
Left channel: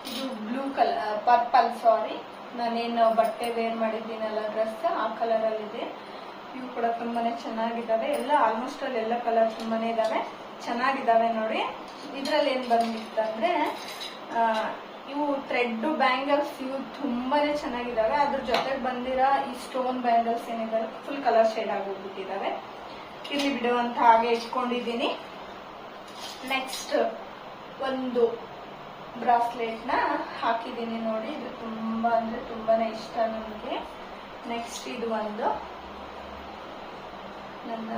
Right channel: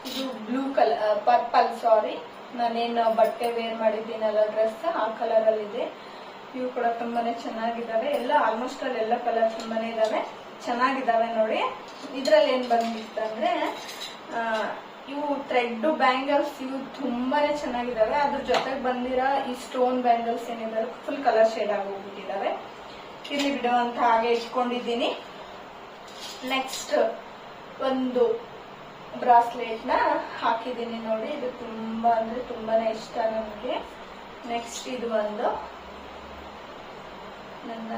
Speaker 1: ಇದು ಬ್ಲೂ ಕಲರ್ ಪರ್ಪಲ್ ಸಾರಿ ನಾನೇನು ಬಟ್ಟೆ ವೇರ್ ಮಾಡಿದ್ದೀನಲ್ಲ ಡ್ರೆಸ್ ಆ ಕಲರ್ ಅಲ್ಲಿದೆ ಇವು ಕೂಡ ತುಂಬಾನೇ ಚೆನ್ನಾಗಿದ್ದಾವೆ. ಎಲ್ಲ ಆಲ್ಮೋಸ್ಟ್ ಅಲ್ಲಿ ಎಲ್ಲ ಕಲರ್ ತುಂಬಾನೇ ಇದಾವೆ ಚೆನ್ನಾಗಿದ್ದಾವೆ ನೋಡಿ. ಇದ್ರಲ್ಲಿ ಏನ್ ಬಂದ್ಬಿಟ್ಟಂದ್ರೆ ಇವು ಥ್ರೆಡ್ ಬ್ಯಾಂಗಲ್ಸ್, ಇವು ತುಂಬಾನೇ ಚೆನ್ನಾಗಿದ್ದಾವೆ ಅದ್ರ ಜೊತೆಗೆ ಬಂದಿರೋ ಈ ಸ್ಟೋನ್ ಬ್ಯಾಂಗಲ್ಸ್ ಏನಿದ್ದಾರೆ ಫುಲ್ ಕಲರ್ ಶೇಡ್ ಆಗೋಗ್ಬಿಟ್ಟಿದ್ದಾವೆ ಇಲ್ಲಿ ಬಿಡುವಂತ ಹಾಗೆ ಇಟ್ಕೊಂಡಿದ್ದೀನಿ. ನೆಕ್ಸ್ಟ್ ಒಂದು ಬ್ರಾಸ್ಲೆಟ್ನ ಹಾಕಿದ್ದೀನಿ ನೋಡಿ. ಇದು ತುಂಬಾ ಅಂದ್ರೆ ತುಂಬಾನೇ ಇಷ್ಟ ನನಗೆ ನೆಕ್ಸ್ಟ್ ಇದು ಒಂದು ನನ್ನ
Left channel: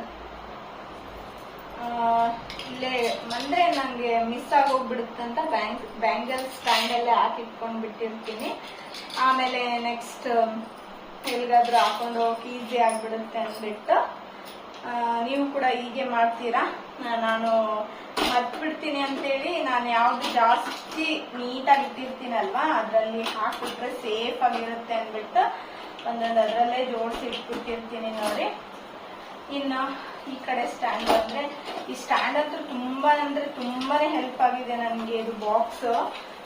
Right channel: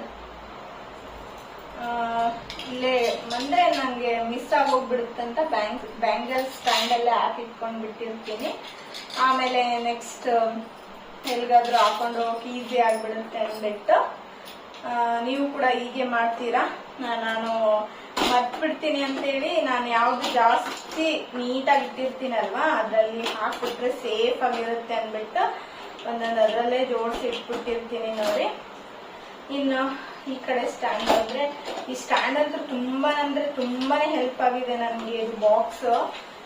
Speaker 1: ಇಲ್ಲೇ ಅಂದ್ರೆ ನಂಗೆ ಮಿಸ್ ಅಂತ ಬ್ಯಾಂಕ್, ಬ್ಯಾಂಗಲ್ ಸ್ಟ್ಯಾಂಡ್ ಅಲ್ಲೇ ಹಾಕಿಟ್ಕೊಂಡ್ ಬಿಟ್ಟಿರ್ತೀನಿ ಆಮೇಲೆ ನೆಕ್ಸ್ಟ್ ಎಲ್ಗಾದ್ರೂ ಹಾಕೊಂಡು ಹೋಗಕ್ಕೆ ಈಸಿ ಆಗ್ಬಿಡುತ್ತೆ ಅಂದ್ಬಿಟ್ಟು ನೀವು ಕೂಡ ಹೀಗೆ ಮಾಡ್ತೀರಾ? ನಾ- ಬಿಡ್ತೀನಿ ಅಂತ ಅಂತೇಳಿ ನಾನು ಯಾವ್ದು ಜಾಸ್ತಿ ನೀಟಾಗಿ ಇಟ್ಟಿರ್ತೀನಲ್ವಾ, ಅದ್ರಲ್ಲಿ ಹಾಕ್ಬಿಟ್ರೆ ಸೇಫ್ ಆಗಿರುತ್ತೆ ಅಂದ್ಬಿಟ್ಟು ಒಂದೊಂದು ಅದ್ರಲ್ಲೇ ಜೋಡಿಸಿ ಇಟ್ಬಿಟ್ಟಿರ್ತೀನಿ ನೋಡಿ. ಇನ್ನು ಈ ಕಡೆ ಸ್ಟ್ಯಾಂಡ್ ಅಂದ್ರೆ ಈ ಸ್ಟ್ಯಾಂಡ್ ಅಂತೂ ತುಂಬಾ ಅಂದ್ರೆ ತುಂಬಾನೇ ಹೆಲ್ಪ್ ಆಗಿದೆ ನನಗೆ ಇದು ಬಾಕ್ಸ್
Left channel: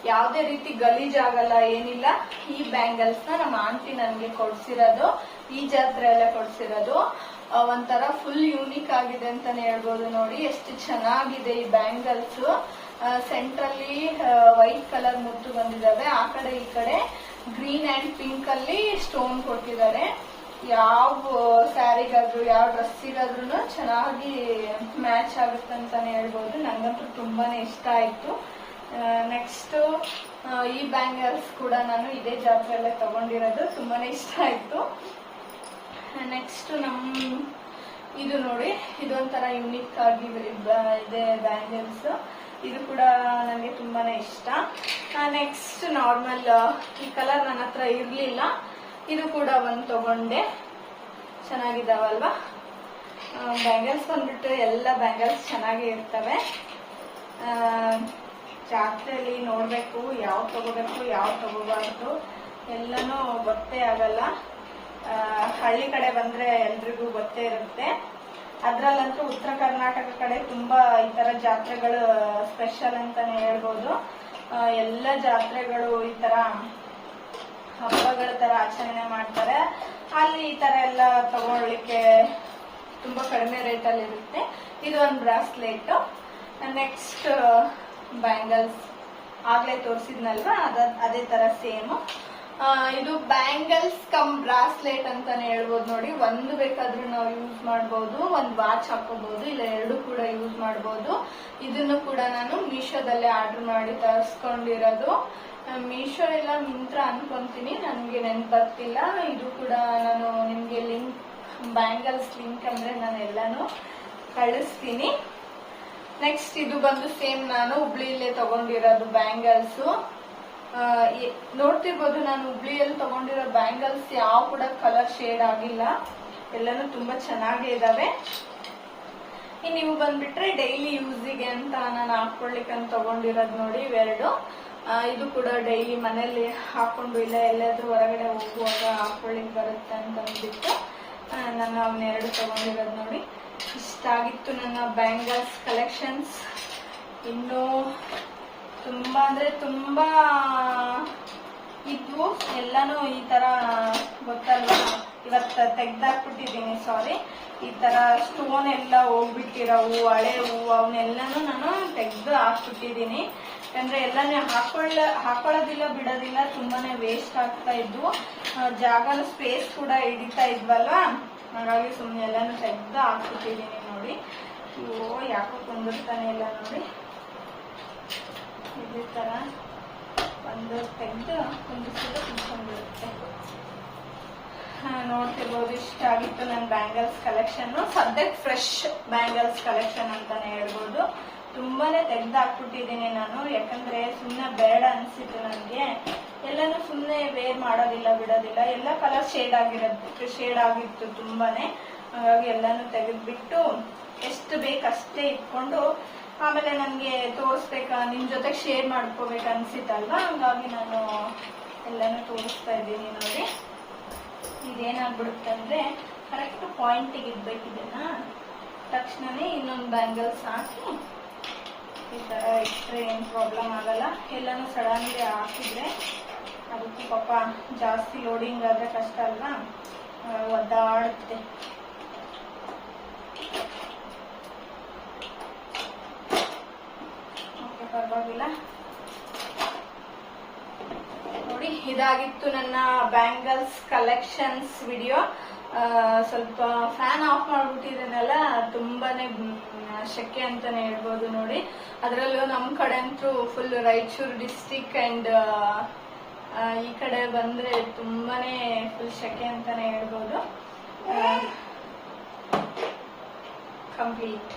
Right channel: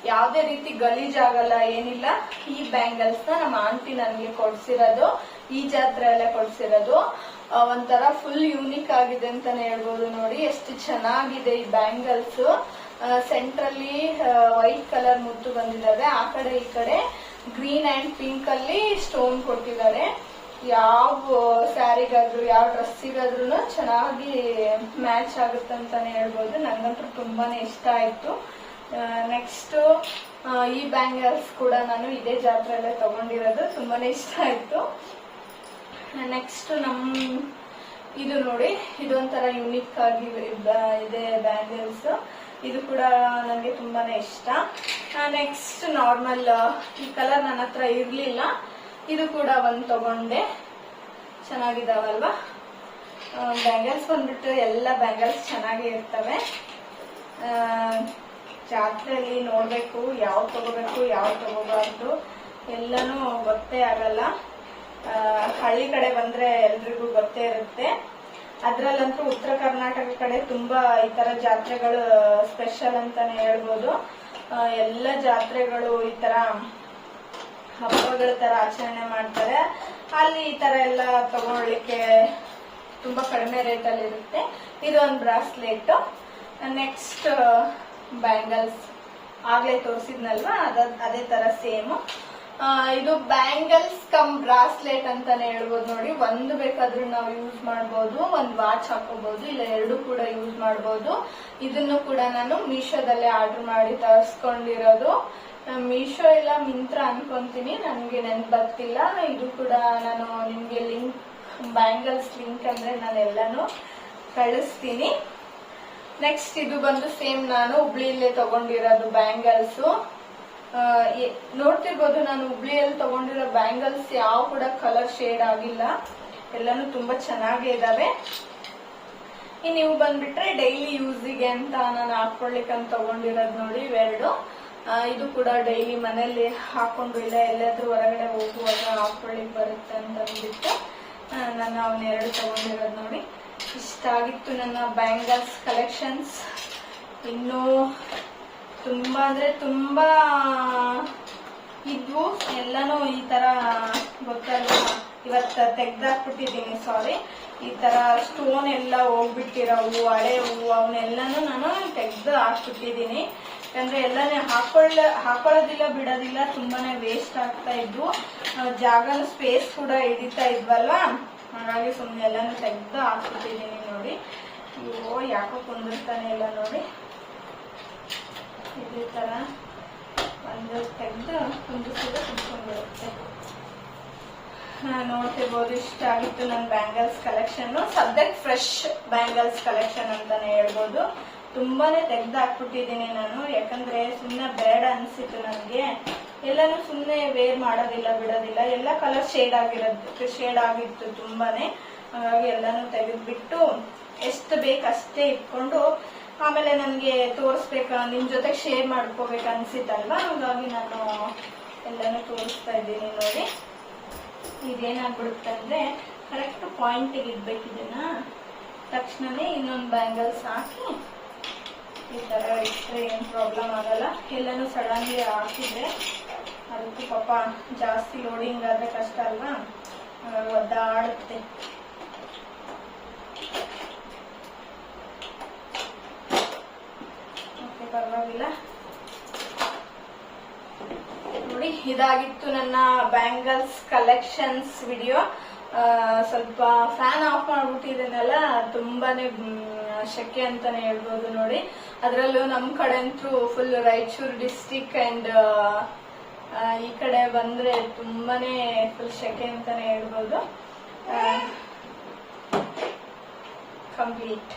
Speaker 1: ಯಾವುದೇ ರೀತಿ ಗಲೀಜ್ ಆಗಲ್ಲ, ಏನಿಲ್ಲ. ಈ ಬ್ಯಾಂಗಲ್ಸ್ನ ನಮ್ಮ ಆಂಟಿ ನನಗೆ ಕೊಡ್ಸಿರೋದು, ಈ ಜಾತ್ರೆಯಲ್ಲೇ ಕೊಡ್ಸಿರೋದು. ಒಂಥರ ಫುಲ್ ಯೂನಿಕ್ ಆಗಿದೆ ಅಂತಾನೆ ಹೇಳ್ಬೋದು ನೋಡಿ, ಎಷ್ಟು ಚೆನ್ನಾಗಿದೆ ಈ ಬ್ಯಾಂಗಲ್ಸ್ ಸೆಂಟ್ರಲ್ಲಿ ವೈಟ್ ಕಲರ್ ಮುತ್ತು ಬಂದಿದ್ದಾವೆ. ಆ ಕಡೆ ಈ ಕಡೆ ಗ್ರೀನ್ ಅಂಡ್ ಪಿಂಕ್ ಅಲ್ಲಿ ಸ್ಟೋನ್ ಕೊಟ್ಟಿದ್ದಾರೆ. ಯಾವ ಸ್ಯಾರಿಗಾದ್ರೂ, ಯಾವ ಡ್ರೆಸ್ಸಿಗಾದ್ರೂ ಚೆನ್ನಾಗಿ ಮ್ಯಾಚ್ ಆಗುತ್ತೆ ಅಂತಾನೆ ಹೇಳ್ಬೋದು. ನಂಗಂತೂ ತುಂಬಾನೇ ಇಷ್ಟ ಆಯ್ತು. ನೆಕ್ಸ್ಟ್ ಈ ಬ್ಯಾಂಗಲ್ಸ್ ಕೂಡ ನಾನು ಇದೇ ಜಾತ್ರೆಯಲ್ಲೇ ತಗೊಂಡಿರೋದು. ತುಂಬಾನೇ ಇಷ್ಟ ಆಯ್ತು. ನೆಕ್ಸ್ಟ್ ನಮ್, ಇದು ನೋಡಿ, ಇದೊಂಥರ ಯುನಿಕ್ ಆಗಿ ಇದೆ ಬ್ಯಾಂಗಲ್ಸ್. ಇದು ಕೂಡ ನನಗೆ ತುಂಬಾನೇ ಇಷ್ಟ. ನೆಕ್ಸ್ಟ್ ನಾರ್ಮಲ್ ಈ ಕಲರ್ ನನ್ನ ಹತ್ರ ಇರ್ಲಿಲ್ಲ. ಇದು ಕೂಡ ಒಂದು ತಗೊಂಡೆ. ಚೆನ್ನಾಗಿದಾವಲ್ವಾ? ಬ್ಯಾಂಗಲ್ಸ್ ಬಂದ್ಬಿಟ್ಟು ಎಲ್ಲ ಬ್ಯಾಂಗಲ್ಸ್ ಚೆನ್ನಾಗಿ ಇರ್ತವೆ. ಜಾತ್ರೆಯಲ್ಲಿ ನೋಡ್ಬೇಕು ಯಾವ ತಗೋಬೇಕು, ಯಾವ ತಗೋಬಾರ್ದು. ಎಲ್ಲನೂ ಗೊತ್ತೇ ಆಗಲ್ಲ. ಹಳ್ಳಿ ಕಡೆ ಬಂದ್ರೆ ಎಲ್ರಿಗೂ ಗೊತ್ತೇ ಇರುತ್ತೆ. ಅದ್ರಲ್ಲಂತೂ ಉತ್ತರ ಕರ್ನಾಟಕ ಕಡೆ ತುಂಬಾ ಈ ತರ ಜಾತ್ರೆಗಳು ಸ್ಪೆಷಲ್ ಅಂತಾನೆ ಹೇಳ್ಬೋದು. ಎಲ್ಲ ಜಾತ್ರೆಗಳು ಈ ತರ ಹಬ್ಬಗಳ ತರ ಆಚರಣೆ ಮಾಡ್ತಾರೆ. ಅಲ್ಲಿ ಈ ತರ ಎಲ್ಲ ತಗೊಳ್ಳಿಕ್ಕೆ ತುಂಬಾ ಕಡಿಮೆ ರೇಟ್ ಅಲ್ಲಿ ಇರುತ್ತೆ. ಇದು ಒಂದು ಬ್ರಾಸ್ಲೆಟ್. Next bangles. ಆಗ್ಲೇ ತೋರಿಸಿದ್ನಲ್ವಾ? ಅದ, ಅದೇ ತರ ಸೇಮ್. ಇದು ಬ್ಯಾಂಗಲ್ಸ್ ಕಮ್ ಬ್ರಾಸ್ಲೆಟ್ ಅಂತಾನೆ ಹೇಳ್ಬೋದು ನೋಡಿ. ಒಂದು ಬೇಕಾದ್ರೂ ನಾವು ಯೂಸ್ ಮಾಡಬಹುದು ಒಂದ್ ವಾಚ್ ಹಾಕೋಬಹುದು ಇಲ್ಲ ಎರಡು ಕೂಡ ಯೂಸ್ ಮಾಡಬಹುದು ಇದನ್ನು ಕೂಡ ನಾನು ಮೀಶೋದಲ್ಲೇ ಆರ್ಡರ್ ಮಾಡಿ ತರಿಸ್ಕೊಂಡಿರೋದು. ಮೀಶೋ ಇಲ್ಲ ಮಿಂತ್ರ ಅನ್ಕೊಂತೀನಿ, ನನಗೆ ನೆನ್ಪು ಬರ್ತಿಲ್ಲ ಇದು ಕೂಡ ನಾನು ನಿಮ್ಗೆ ಲಿಂಕ್ ಬ್ಯಾಂಗಲ್ಸ್ ಲಿಂಕ್ ಅಂದ್ರೆ ನಾನು ಎಲ್ಲಾನು ಕಳಿಸ್ತೀನಿ. ನೆಕ್ಸ್ಟ್ ಇದು ಬಂದು ಸೇಮ್ ನಾನು ಹುಬ್ಳಿಯಲ್ಲೇ ತಗೊಂಡಿರೋದು ಬ್ಯಾಂಗಲ್ಸ್ ನೋಡ್ತಿರ್ಬೋದು ನಾನು ಹುಬ್ಳಿಯಲ್ಲಿ ತಗೊಂಡಿರೋ ಬ್ಯಾಂಗಲ್ಸ್ ಯಾವ ಕೂಡ ಕಲರ್ ಶೇಡ್ ಆಗಿಲ್ಲ. ಎಲ್ಲಾನು ತುಂಬಾ ಚೆನ್ನಾಗೇ ಇದಾವೆ. ಇನ್ನು ಇವು ಬಂದ್ಬಿಟ್ರೆ ಡೈಲಿ ಯೂಸಿಗೆ ಅಂತ ನಾನು ಹಾಕೊಳ್ಳಿಕ್ಕೆ ಅಂತ ತಗೊಂಡಿರೋದು ನೋಡಿ ಇವೆರಡು. ಇದು ಕೂಡ ಡೈಲಿ ಮನೇಲಿ ಹಾಕೊಂಡು ಇಲ್ಲ, ಎಲ್ಲಾದ್ರೂ ಹೊರಗಡೆ ಹೋಗುವಾಗ ಹಾಕೊಳ್ಳಿ ಬರುತ್ತೆ ಅಂತ ಅಂದ್ಬಿಟ್ಟು ನಾನು ನಾನು ಅವನ್ನೆರಡು ತಗೊಂಡಿರೋದು ನೋಡಿ. ಇಷ್ಟ ಆಗಿತ್ತು ನನ್ನ ಬ್ಯಾಂಗಲ್ಸ್ ಕಲೆಕ್ಷನ್ಸ್ ಇನ್ನು ತುಂಬಾ ಅಂದ್ರೆ ತುಂಬಾ ಇದ್ವು. ಎಲ್ಲಾನು ಈ ತರ ಗೊತ್ತಲ್ಲ, ಇವತ್ತ ತೆಗ್ದಾಕ್ಬಿಟ್ಟಿದ್ದೀನಿ ಸಾರಿ ಈ ತರ ಸ್ಟೋನ್ ಎಲ್ಲ ಹೋಗ್ಬಿಟ್ಟಿರೋವು ಹಳೆ ಹೂವು ಅವನ್ನೆಲ್ಲಾನು ನಾನು ತೆಗ್ದು ಹಾಕ್ಬಿಟ್ಟಿದೀನಿ ಯಾಕಂದ್ರೆ ಎಲ್ಲಾನೇ ಹಾಕೊಳ್ಳ, ಹಾಕೊಳ್ಳೋದಿಲ್ಲ, ಬಿಡೋದಿಲ್ಲ ತುಂಬಾನೇ ವೇಸ್ಟ್ ಆಗ್ತಾ ಇದ್ವು ಜಾಗನ ಸ್ಪೇಸ್ ಕೂಡ ಹಿಡಿತಾ ಇದ್ವಲ್ಲ? ಹಾಗಾಗಿ ಸುಮ್ಮನೆ ಎಲ್ಲಾನು ತೆಗ್ದು ಹಾಕ್ಬಿಟ್ಟಿದೀನಿ ನೋಡಿ. ಓ ಯಾಕೋ ಕುಂದಿರ್ತಾನೆ ಇಲ್ಲ ನೋಡಿ. ಇದೇ ತರ ಒಂದು ತೆಗೆದು ಕುಂದಿಸಿದ್ರೆ ಕುಂದ್ಕೊಂಡ್ಬಿಡುತ್ತೆ ನೋಡ್ತಿರ್ಬೋದು, ಇಷ್ಟ ಆಗಿತ್ತು ನನ್ನ ಬ್ಯಾಂಗಲ್ಸ್ ಕಲೆಕ್ಷನ್ ಸದ್ಯಕ್ಕೆ ಫ್ರೆಶ್ ಬ್ಯಾಂಗಲ್ಸ್ ಕಲೆಕ್ಷನ್ ಅಂತಾನೆ ಹೇಳ್ಬೋದು. ತುಂಬಾನೇ ತೆಗೆದು ಹಾಕ್ಬಿಟ್ಟಿದ್ದೀನಿ ನಾನು, ಯಾಕಂದ್ರೆ ಸುಮ್ನೆ ಬೇಡ ಅನ್ಸಿತ್ತು ನನಗೆ. ಎಲ್ಲಾನು ಸುಮ್ನೆ ವೇರ್ ಮಾಡೋದಿಲ್ಲ, ಬಿಡೋದಿಲ್ಲ. ಎಲ್ಲ ಕಲರ್ ಶೇಡ್ ಆಗಿರೋದು ಶೇಡ್ ಆಗಿತ್ತು ತುಂಬಾನೇ. ಹಾಗಾಗಿ ಎಲ್ಲಾನು ತೆಗೆದ್ಬಿಟ್ಟು ಎಷ್ಟು ಬೇಕು ಅಷ್ಟೇ ಇಟ್ಕೊಂಡು, ಆಮೇಲೆ ನನಗೆ ತೋರಿಸ್ಬೇಕಾ ನಿಮ್ ಜೊತೆ ಶೇರ್ ಮಾಡ್ಕೋಬೇಕು ಅನ್ಸಿತ್ತಲ್ವಾ? ಹಂಗಾಗಿ ನಾನು ಎಲ್ಲಾನು ತೋರಿಸ್ತಾ ಇದ್ದೀನಿ ನೋಡಿ. ಇದೇನಾಗ್ಬಿಡುತ್ತೆ ಅಂದ್ರೆ ಕರೆಕ್ಟ್ ಪಾಯಿಂಟಿಗೆ ಇಡ್ಬೇಕಿದ್ದೀನ ತಕ್ಷಣನೇ ಇನ್ನೊಂದು ಬ್ಯಾಂಗಲ್ಸ್ ಹಾಕಿ ಈ ಥರ ಇಟ್ಟರೆ ಏನು ಪ್ರಾಬ್ಲಮ್ ಆಗಲ್ಲ. ಎಲ್ಲಾನು ಸಡನ್ಲಿ ಹಾಕಿದ್ರೆ ಅದಕ್ಕೆ ಪಾಪ ಜಾಸ್ತಿ ಲೋಡಿಂಗ್ ಆದರೆ ಕಷ್ಟ ಅಲ್ವಾ? ಒದ್ದಾಡುತ್ತೆ. ಓಕೆ ಪರವಾಗಿಲ್ಲ. ನೋಡಿ, ಇದಾಗಿತ್ತು ನನ್ನ ಬ್ಯಾಂಗಲ್ಸ್ ಕಲೆಕ್ಷನ್ಸ್ ವಿಡಿಯೋ ಸ್ವಲ್ಪ ಫ್ಯಾನ್ ಆಫ್ ಮಾಡಿಬಿಟ್ಟಿದ್ದೇನಲ್ಲ, ತುಂಬಾನೇ ಶೆಕೆ ಅಂತಾನೆ ಹೇಳ್ಬೋದು ನೋಡಿ. ಅದರಲ್ಲೂ ನಮ್ ಕಡೆ ಅಂತೂ ಫುಲ್ ರಾಯಚೂರು ಡಿಸ್ಟಿಕ್ ಅಂಡ್ ಈ ಕಡೆ ಬಂದ್ರೆ ತುಂಬಾನೇ ಫುಲ್ ಶೆಕೆ ಅಂತಾನೆ ಹೇಳ್ಬೋದು. ಕಂಪ್ಲೀಟ್